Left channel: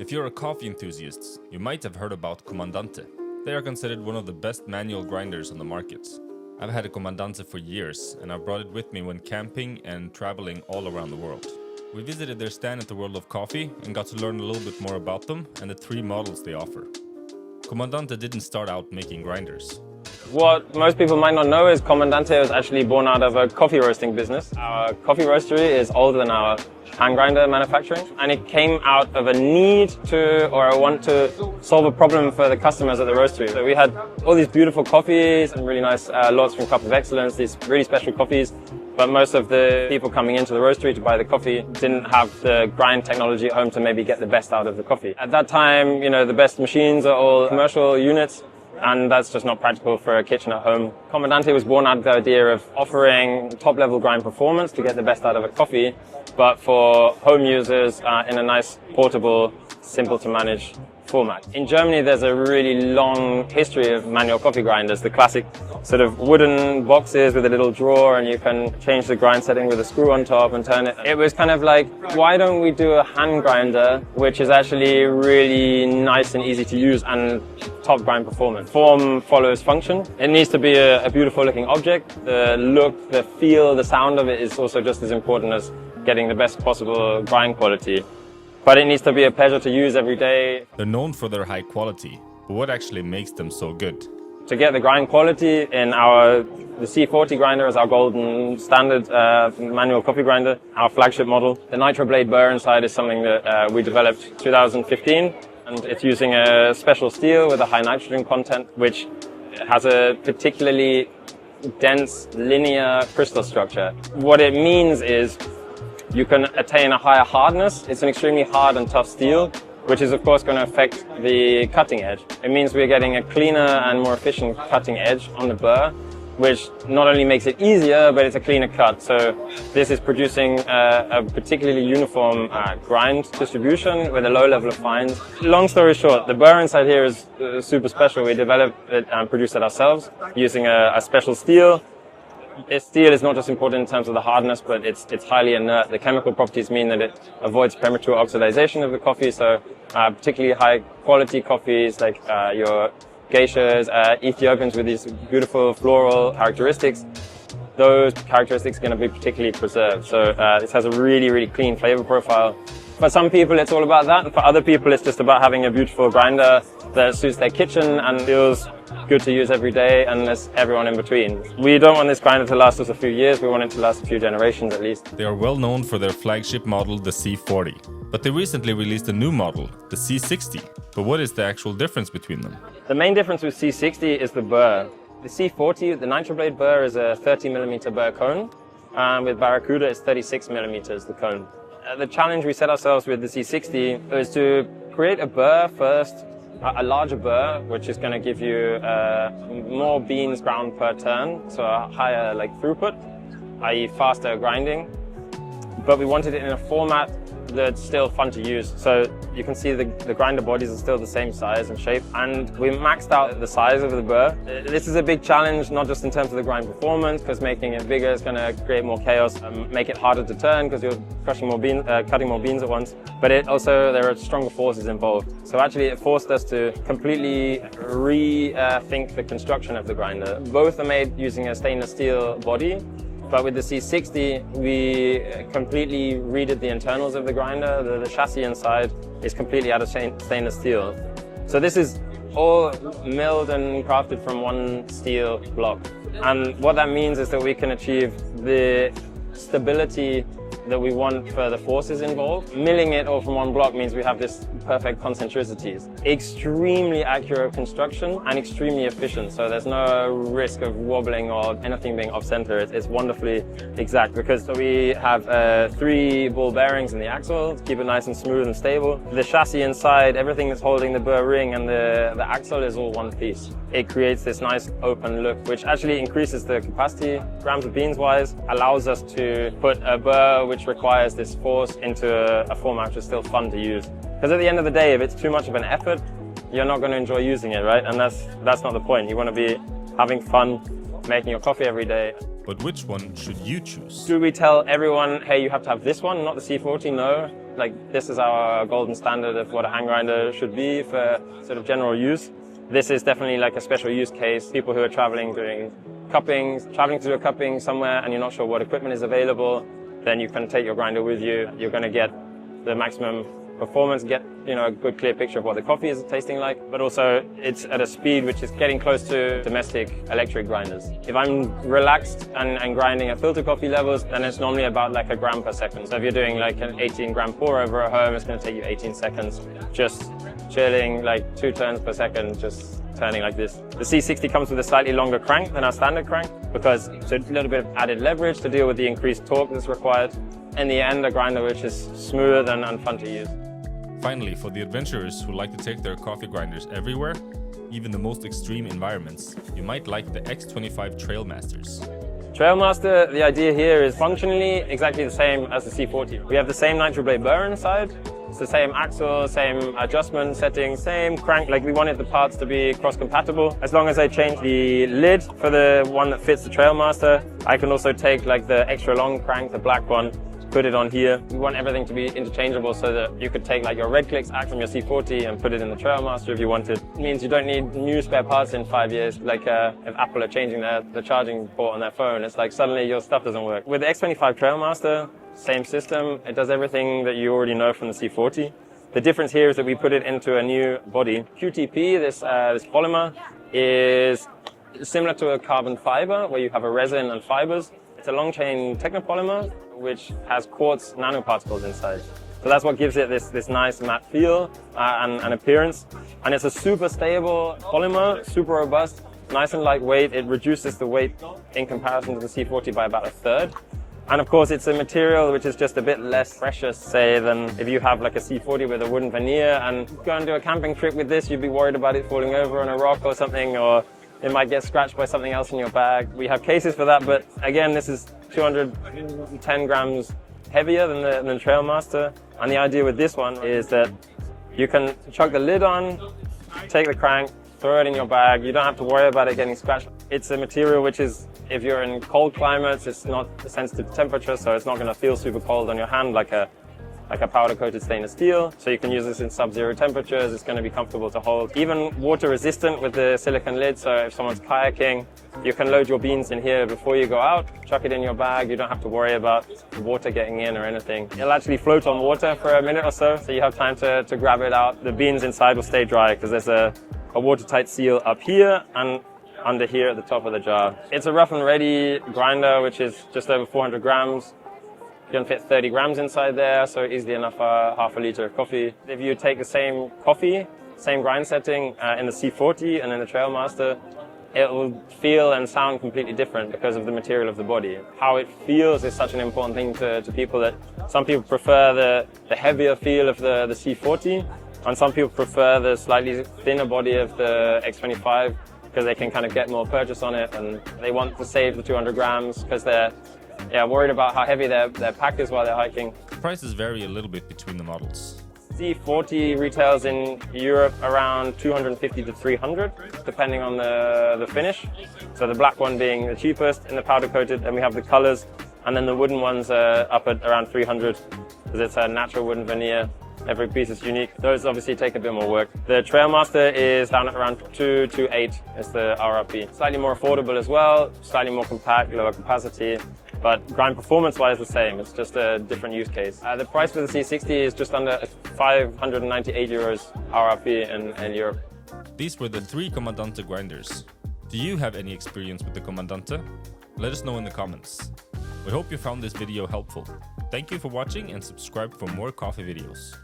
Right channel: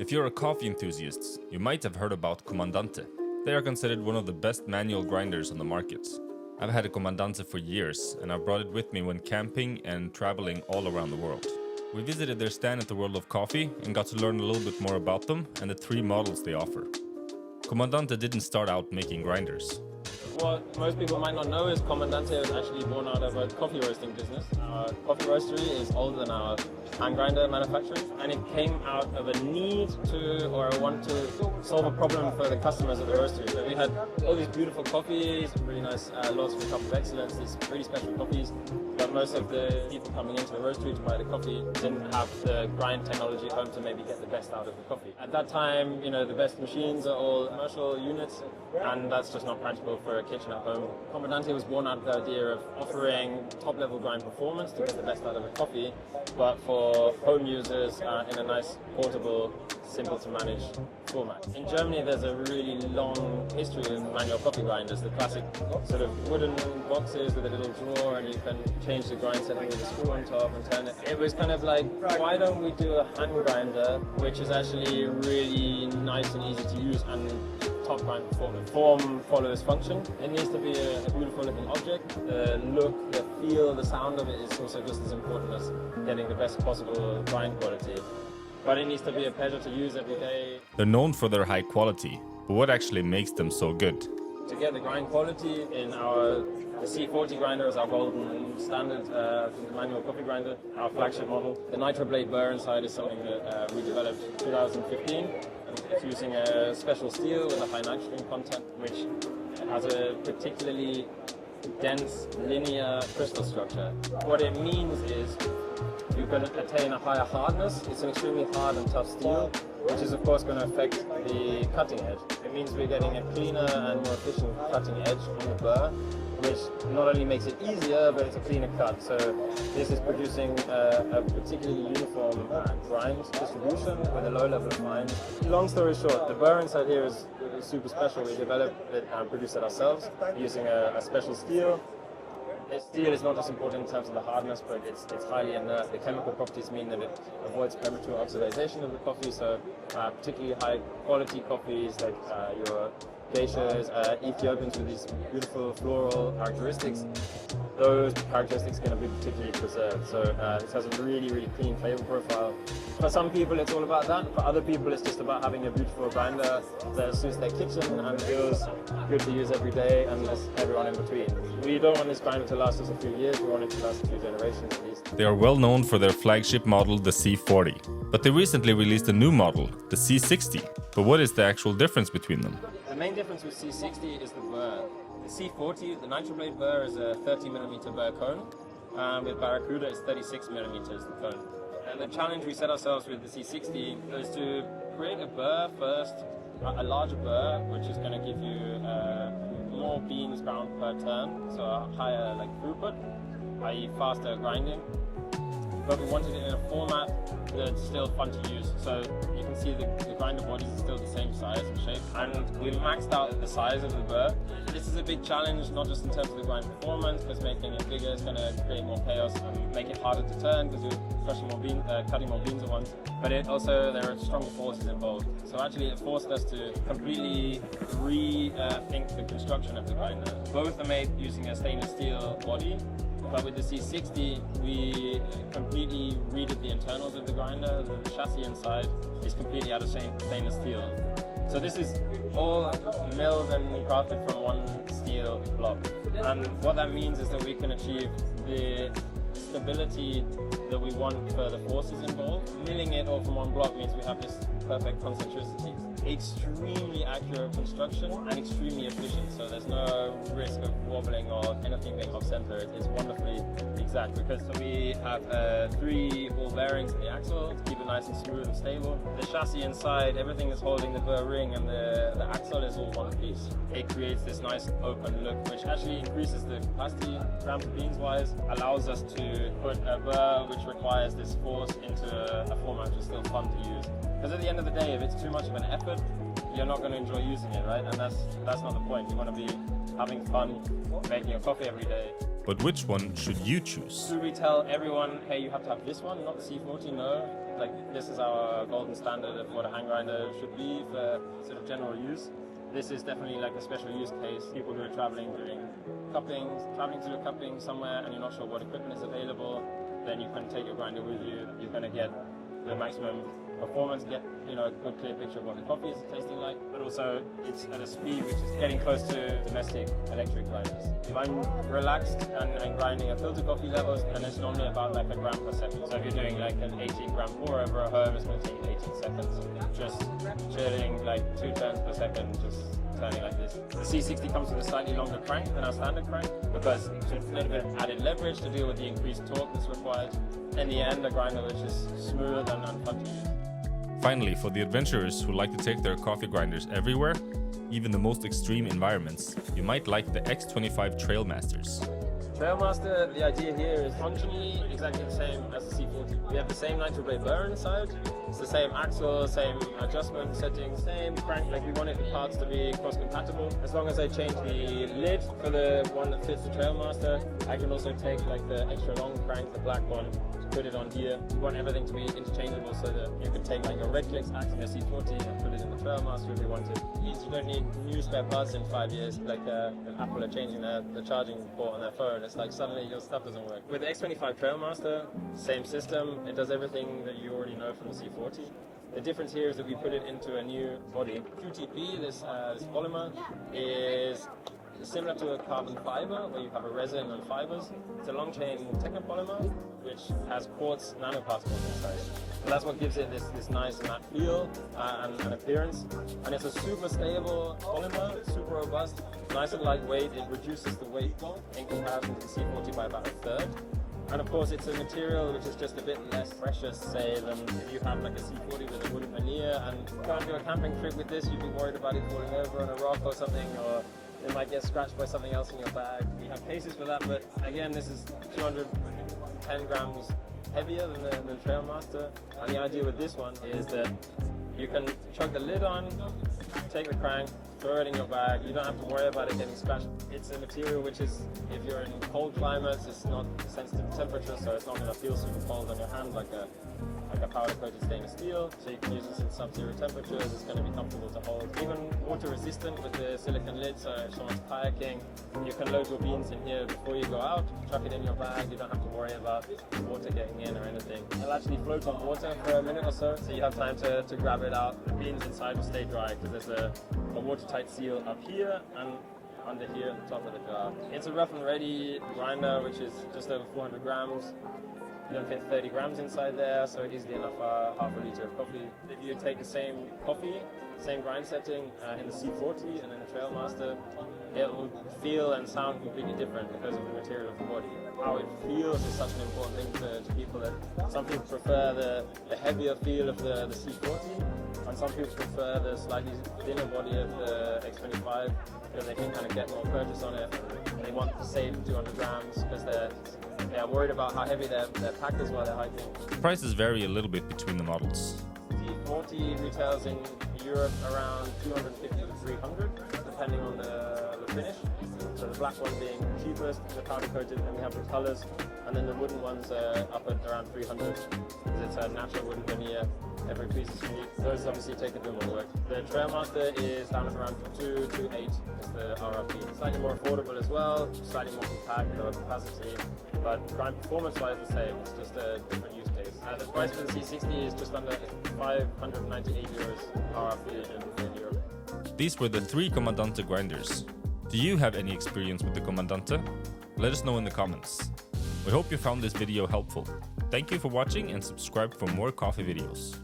If you're a coffee enthusiast, you might have heard about Comandante. They are considered one of the best manual grinders on the market. I've had a Comandante for years, and I've brought it with me when camping and traveling all around the world. We visited their stand at the World of Coffee and got to learn a little bit more about them and the 3 models they offer. Comandante didn't start out making grinders. What most people might not know is Comandante was actually born out of a coffee roasting business. Our coffee roastery is older than our hand grinder manufacturing, and it came out of a need to, or a want to, solve a problem for the customers at the roastery. So we had all these beautiful coffees and really nice lots from Cup of Excellence, these really special coffees, but most of the people coming into the roastery to buy the coffee didn't have the grind technology at home to maybe get the best out of the coffee. At that time, the best machines are all commercial units, and that's just not practical for a kitchen at home. Commandante was born out of the idea of offering top-level grind performance to get the best out of a coffee, but for home users in a nice, portable, simple-to-manage format. In Germany, there's a really long history of manual coffee grinders, the classic sort of wooden boxes with a little drawer, and you can change the grind setting with a screw on top and turn it. It was kind of like, why don't we do a hand grinder, which is actually really nice and easy to use and top grind performance. Form follows function. It needs to be a beautiful looking object. The look, the feel, the sound of it is also just as important as getting the best possible grind quality. But it needs to be a pleasure to use every day. They're known for their high quality, but what actually makes them so good? To get the grind quality in the C40 grinder is our golden standard manual coffee grinder, our flagship model. The Nitro Blade burr inside is something that we developed in 2015. And it's using a special steel with a high nitrogen content, which has a particularly dense linear crystal structure. What it means is you can attain a higher hardness. It's an extremely hard and tough steel, which is of course going to affect the cutting edge. It means we're getting a cleaner and more efficient cutting edge on the burr, which not only makes it easier, but it's a cleaner cut. So this is producing a particularly uniform grind distribution with a low level of fines. Long story short, the burr inside here is super special. We developed it and produced it ourselves using a special steel. This steel is not just important in terms of the hardness, but it's highly inert. The chemical properties mean that it avoids premature oxidization of the coffee, so particularly high quality coffees like your geishas, Ethiopians with these beautiful floral characteristics, those characteristics are going to be particularly preserved. So this has a really, really clean flavor profile. For some people it's all about that, and for other people it's just about having a beautiful grinder that suits their kitchen and feels good to use every day, and there's everyone in between. We don't want this grinder to last us a few years, we want it to last a few generations at least. They are well known for their flagship model, the C40. But they recently released a new model, the C60. But what is the actual difference between them? The main difference with C60 is the burr. The C40, the Nitro Blade burr, is a 30mm burr cone, and with Baracuda it's 36mm the cone. The challenge we set ourselves with the C60 is to create a burr first, a larger burr, which is going to give you more beans ground per turn, so a higher throughput, i.e. faster grinding. But we wanted it in a format that's still fun to use. So you can see the grinder bodies are still the same size and shape, and we maxed out the size of the burr. This is a big challenge, not just in terms of the grind performance, because making it bigger is going to create more chaos and make it harder to turn because you're cutting more beans at once. But there are stronger forces involved. So actually it forced us to completely rethink the construction of the grinder. Both are made using a stainless steel body, but with the C60, we completely redid the internals of the grinder. The chassis inside is completely out of stainless steel. So this is all milled and crafted from one steel block. And what that means is that we can achieve the stability that we want for the forces involved. Milling it all from one block means we have this perfect concentricities. Extremely accurate construction and extremely efficient, so there's no risk of wobbling or anything being off center. It's wonderfully exact because we have 3 ball bearings in the axle to keep it nice and smooth and stable. The chassis inside, everything that's holding the burr ring and the axle is all one piece. It creates this nice open look, which actually increases the capacity, grams of beans wise, allows us to put a burr which requires this force into a format which is still fun to use. Because at the end of the day, if it's too much of an effort, you're not going to enjoy using it, right? And that's not the point. You want to be having fun making your coffee every day. But which one should you choose? Do we tell everyone, hey, you have to have this one, not the C40? No. Like, this is our golden standard of what a hand grinder should be for sort of general use. This is definitely like a special use case. People who are traveling, doing cuppings, traveling to do a cupping somewhere and you're not sure what equipment is available, then you can take your grinder with you. You're going to get the maximum performance, get a good clear picture of what the coffee is tasting like, but also it's at a speed which is getting close to domestic electric grinders. If I'm relaxed and grinding at filter coffee levels, then it's normally about like a gram per second. So if you're doing like an 18 gram pour over at home, it's going to take you 18 seconds just chilling, like 2 turns per second, just turning like this. The C60 comes with a slightly longer crank than our standard crank because it's a little bit of added leverage to deal with the increased torque that's required. In the end, a grinder which is smooth and fun to use. Finally, for the adventurers who like to take their coffee grinders everywhere, even the most extreme environments, you might like the X25 Trail Masters. Trail Master, the idea here is functionally exactly the same as the C40. We have the same Nitro Blade burr inside. It's the same axle, same adjustment settings, same crank. Like, we wanted the parts to be cross-compatible. As long as I change the lid for the one that fits the Trail Master, I can also take like the extra long crank, the black one, put it on here. We want everything to be interchangeable so that you could take like your red clicks act from your C40 and put it in the Trail Master if you wanted. It means you don't need new spare parts in 5 years. Like if Apple are changing the charging port on their phone, it's like suddenly your stuff doesn't work. With the X25 Trail Master, same system. It does everything that you already know from the C40. The difference here is that we put it into a new body. QTP, this polymer, is similar to a carbon fiber where you have a resin and fibers. It's a long chain technopolymer which has quartz nanoparticles inside. So that's what gives it this nice matte feel and appearance. And it's a super stable polymer, super robust, nice and lightweight. It reduces the weight in comparison to the C40 by about 1/3. And of course, it's a material which is just a bit less precious, say, than if you have like a C40 with a wooden veneer and go and do a camping trip with this, you'd be worried about it falling over on a rock or something, or it might get scratched by something else in your bag. We have cases for that, but again, this is 210 grams heavier than the Trail Master. And the idea with this one is that you can chuck the lid on, take the crank, throw it in your bag. You don't have to worry about it getting scratched. It's a material which is, if you're in cold climates, it's not sensitive to temperature, so it's not going to feel super cold on your hand like a powder-coated stainless steel. So you can use this in sub-zero temperatures. It's going to be comfortable to hold. Even water-resistant with the silicone lid, so if someone's kayaking, you can load your beans in here before you go out, chuck it in your bag. You don't have to worry about water getting in or anything. It'll actually float on water for a minute or so you have time to grab it out. The beans inside will stay dry because there's a watertight seal up here and under here at the top of the jar. It's a rough and ready grinder, which is just over 400 grams. You can fit 30 grams inside there, so easily enough for half a liter of coffee. If you take the same coffee, same grind setting in the C40 and in the Trail Master, it will feel and sound completely different because of the material of the body. How it feels is such an important thing to people that some people prefer the heavier feel of the C40, and some people prefer the slightly thinner body of the X25 because they can kind of get more purchase on it, and they want to save the 200 grams because they're worried about how heavy their pack is while they're hiking. Prices vary a little bit between the models. C40 retails in Europe around 250 to 300, depending on the finish. So the black one being the cheapest in the powder coated, and we have the colors, and then the wooden ones are up at around 300 because it's a natural wooden veneer. Every piece is unique. Those obviously take a bit more work. The Trail Master is down at around 228 is the RRP. Slightly more affordable as well, slightly more compact, lower capacity, but grind performance-wise the same. It's just a different use case. The price for the C60 is just under 598 euros RRP in Europe. These were the 3 Commandante grinders. Do you have any experience with the Commandante? Let us know in the comments. We hope you found this video helpful. Thank you for watching and subscribe for more coffee videos.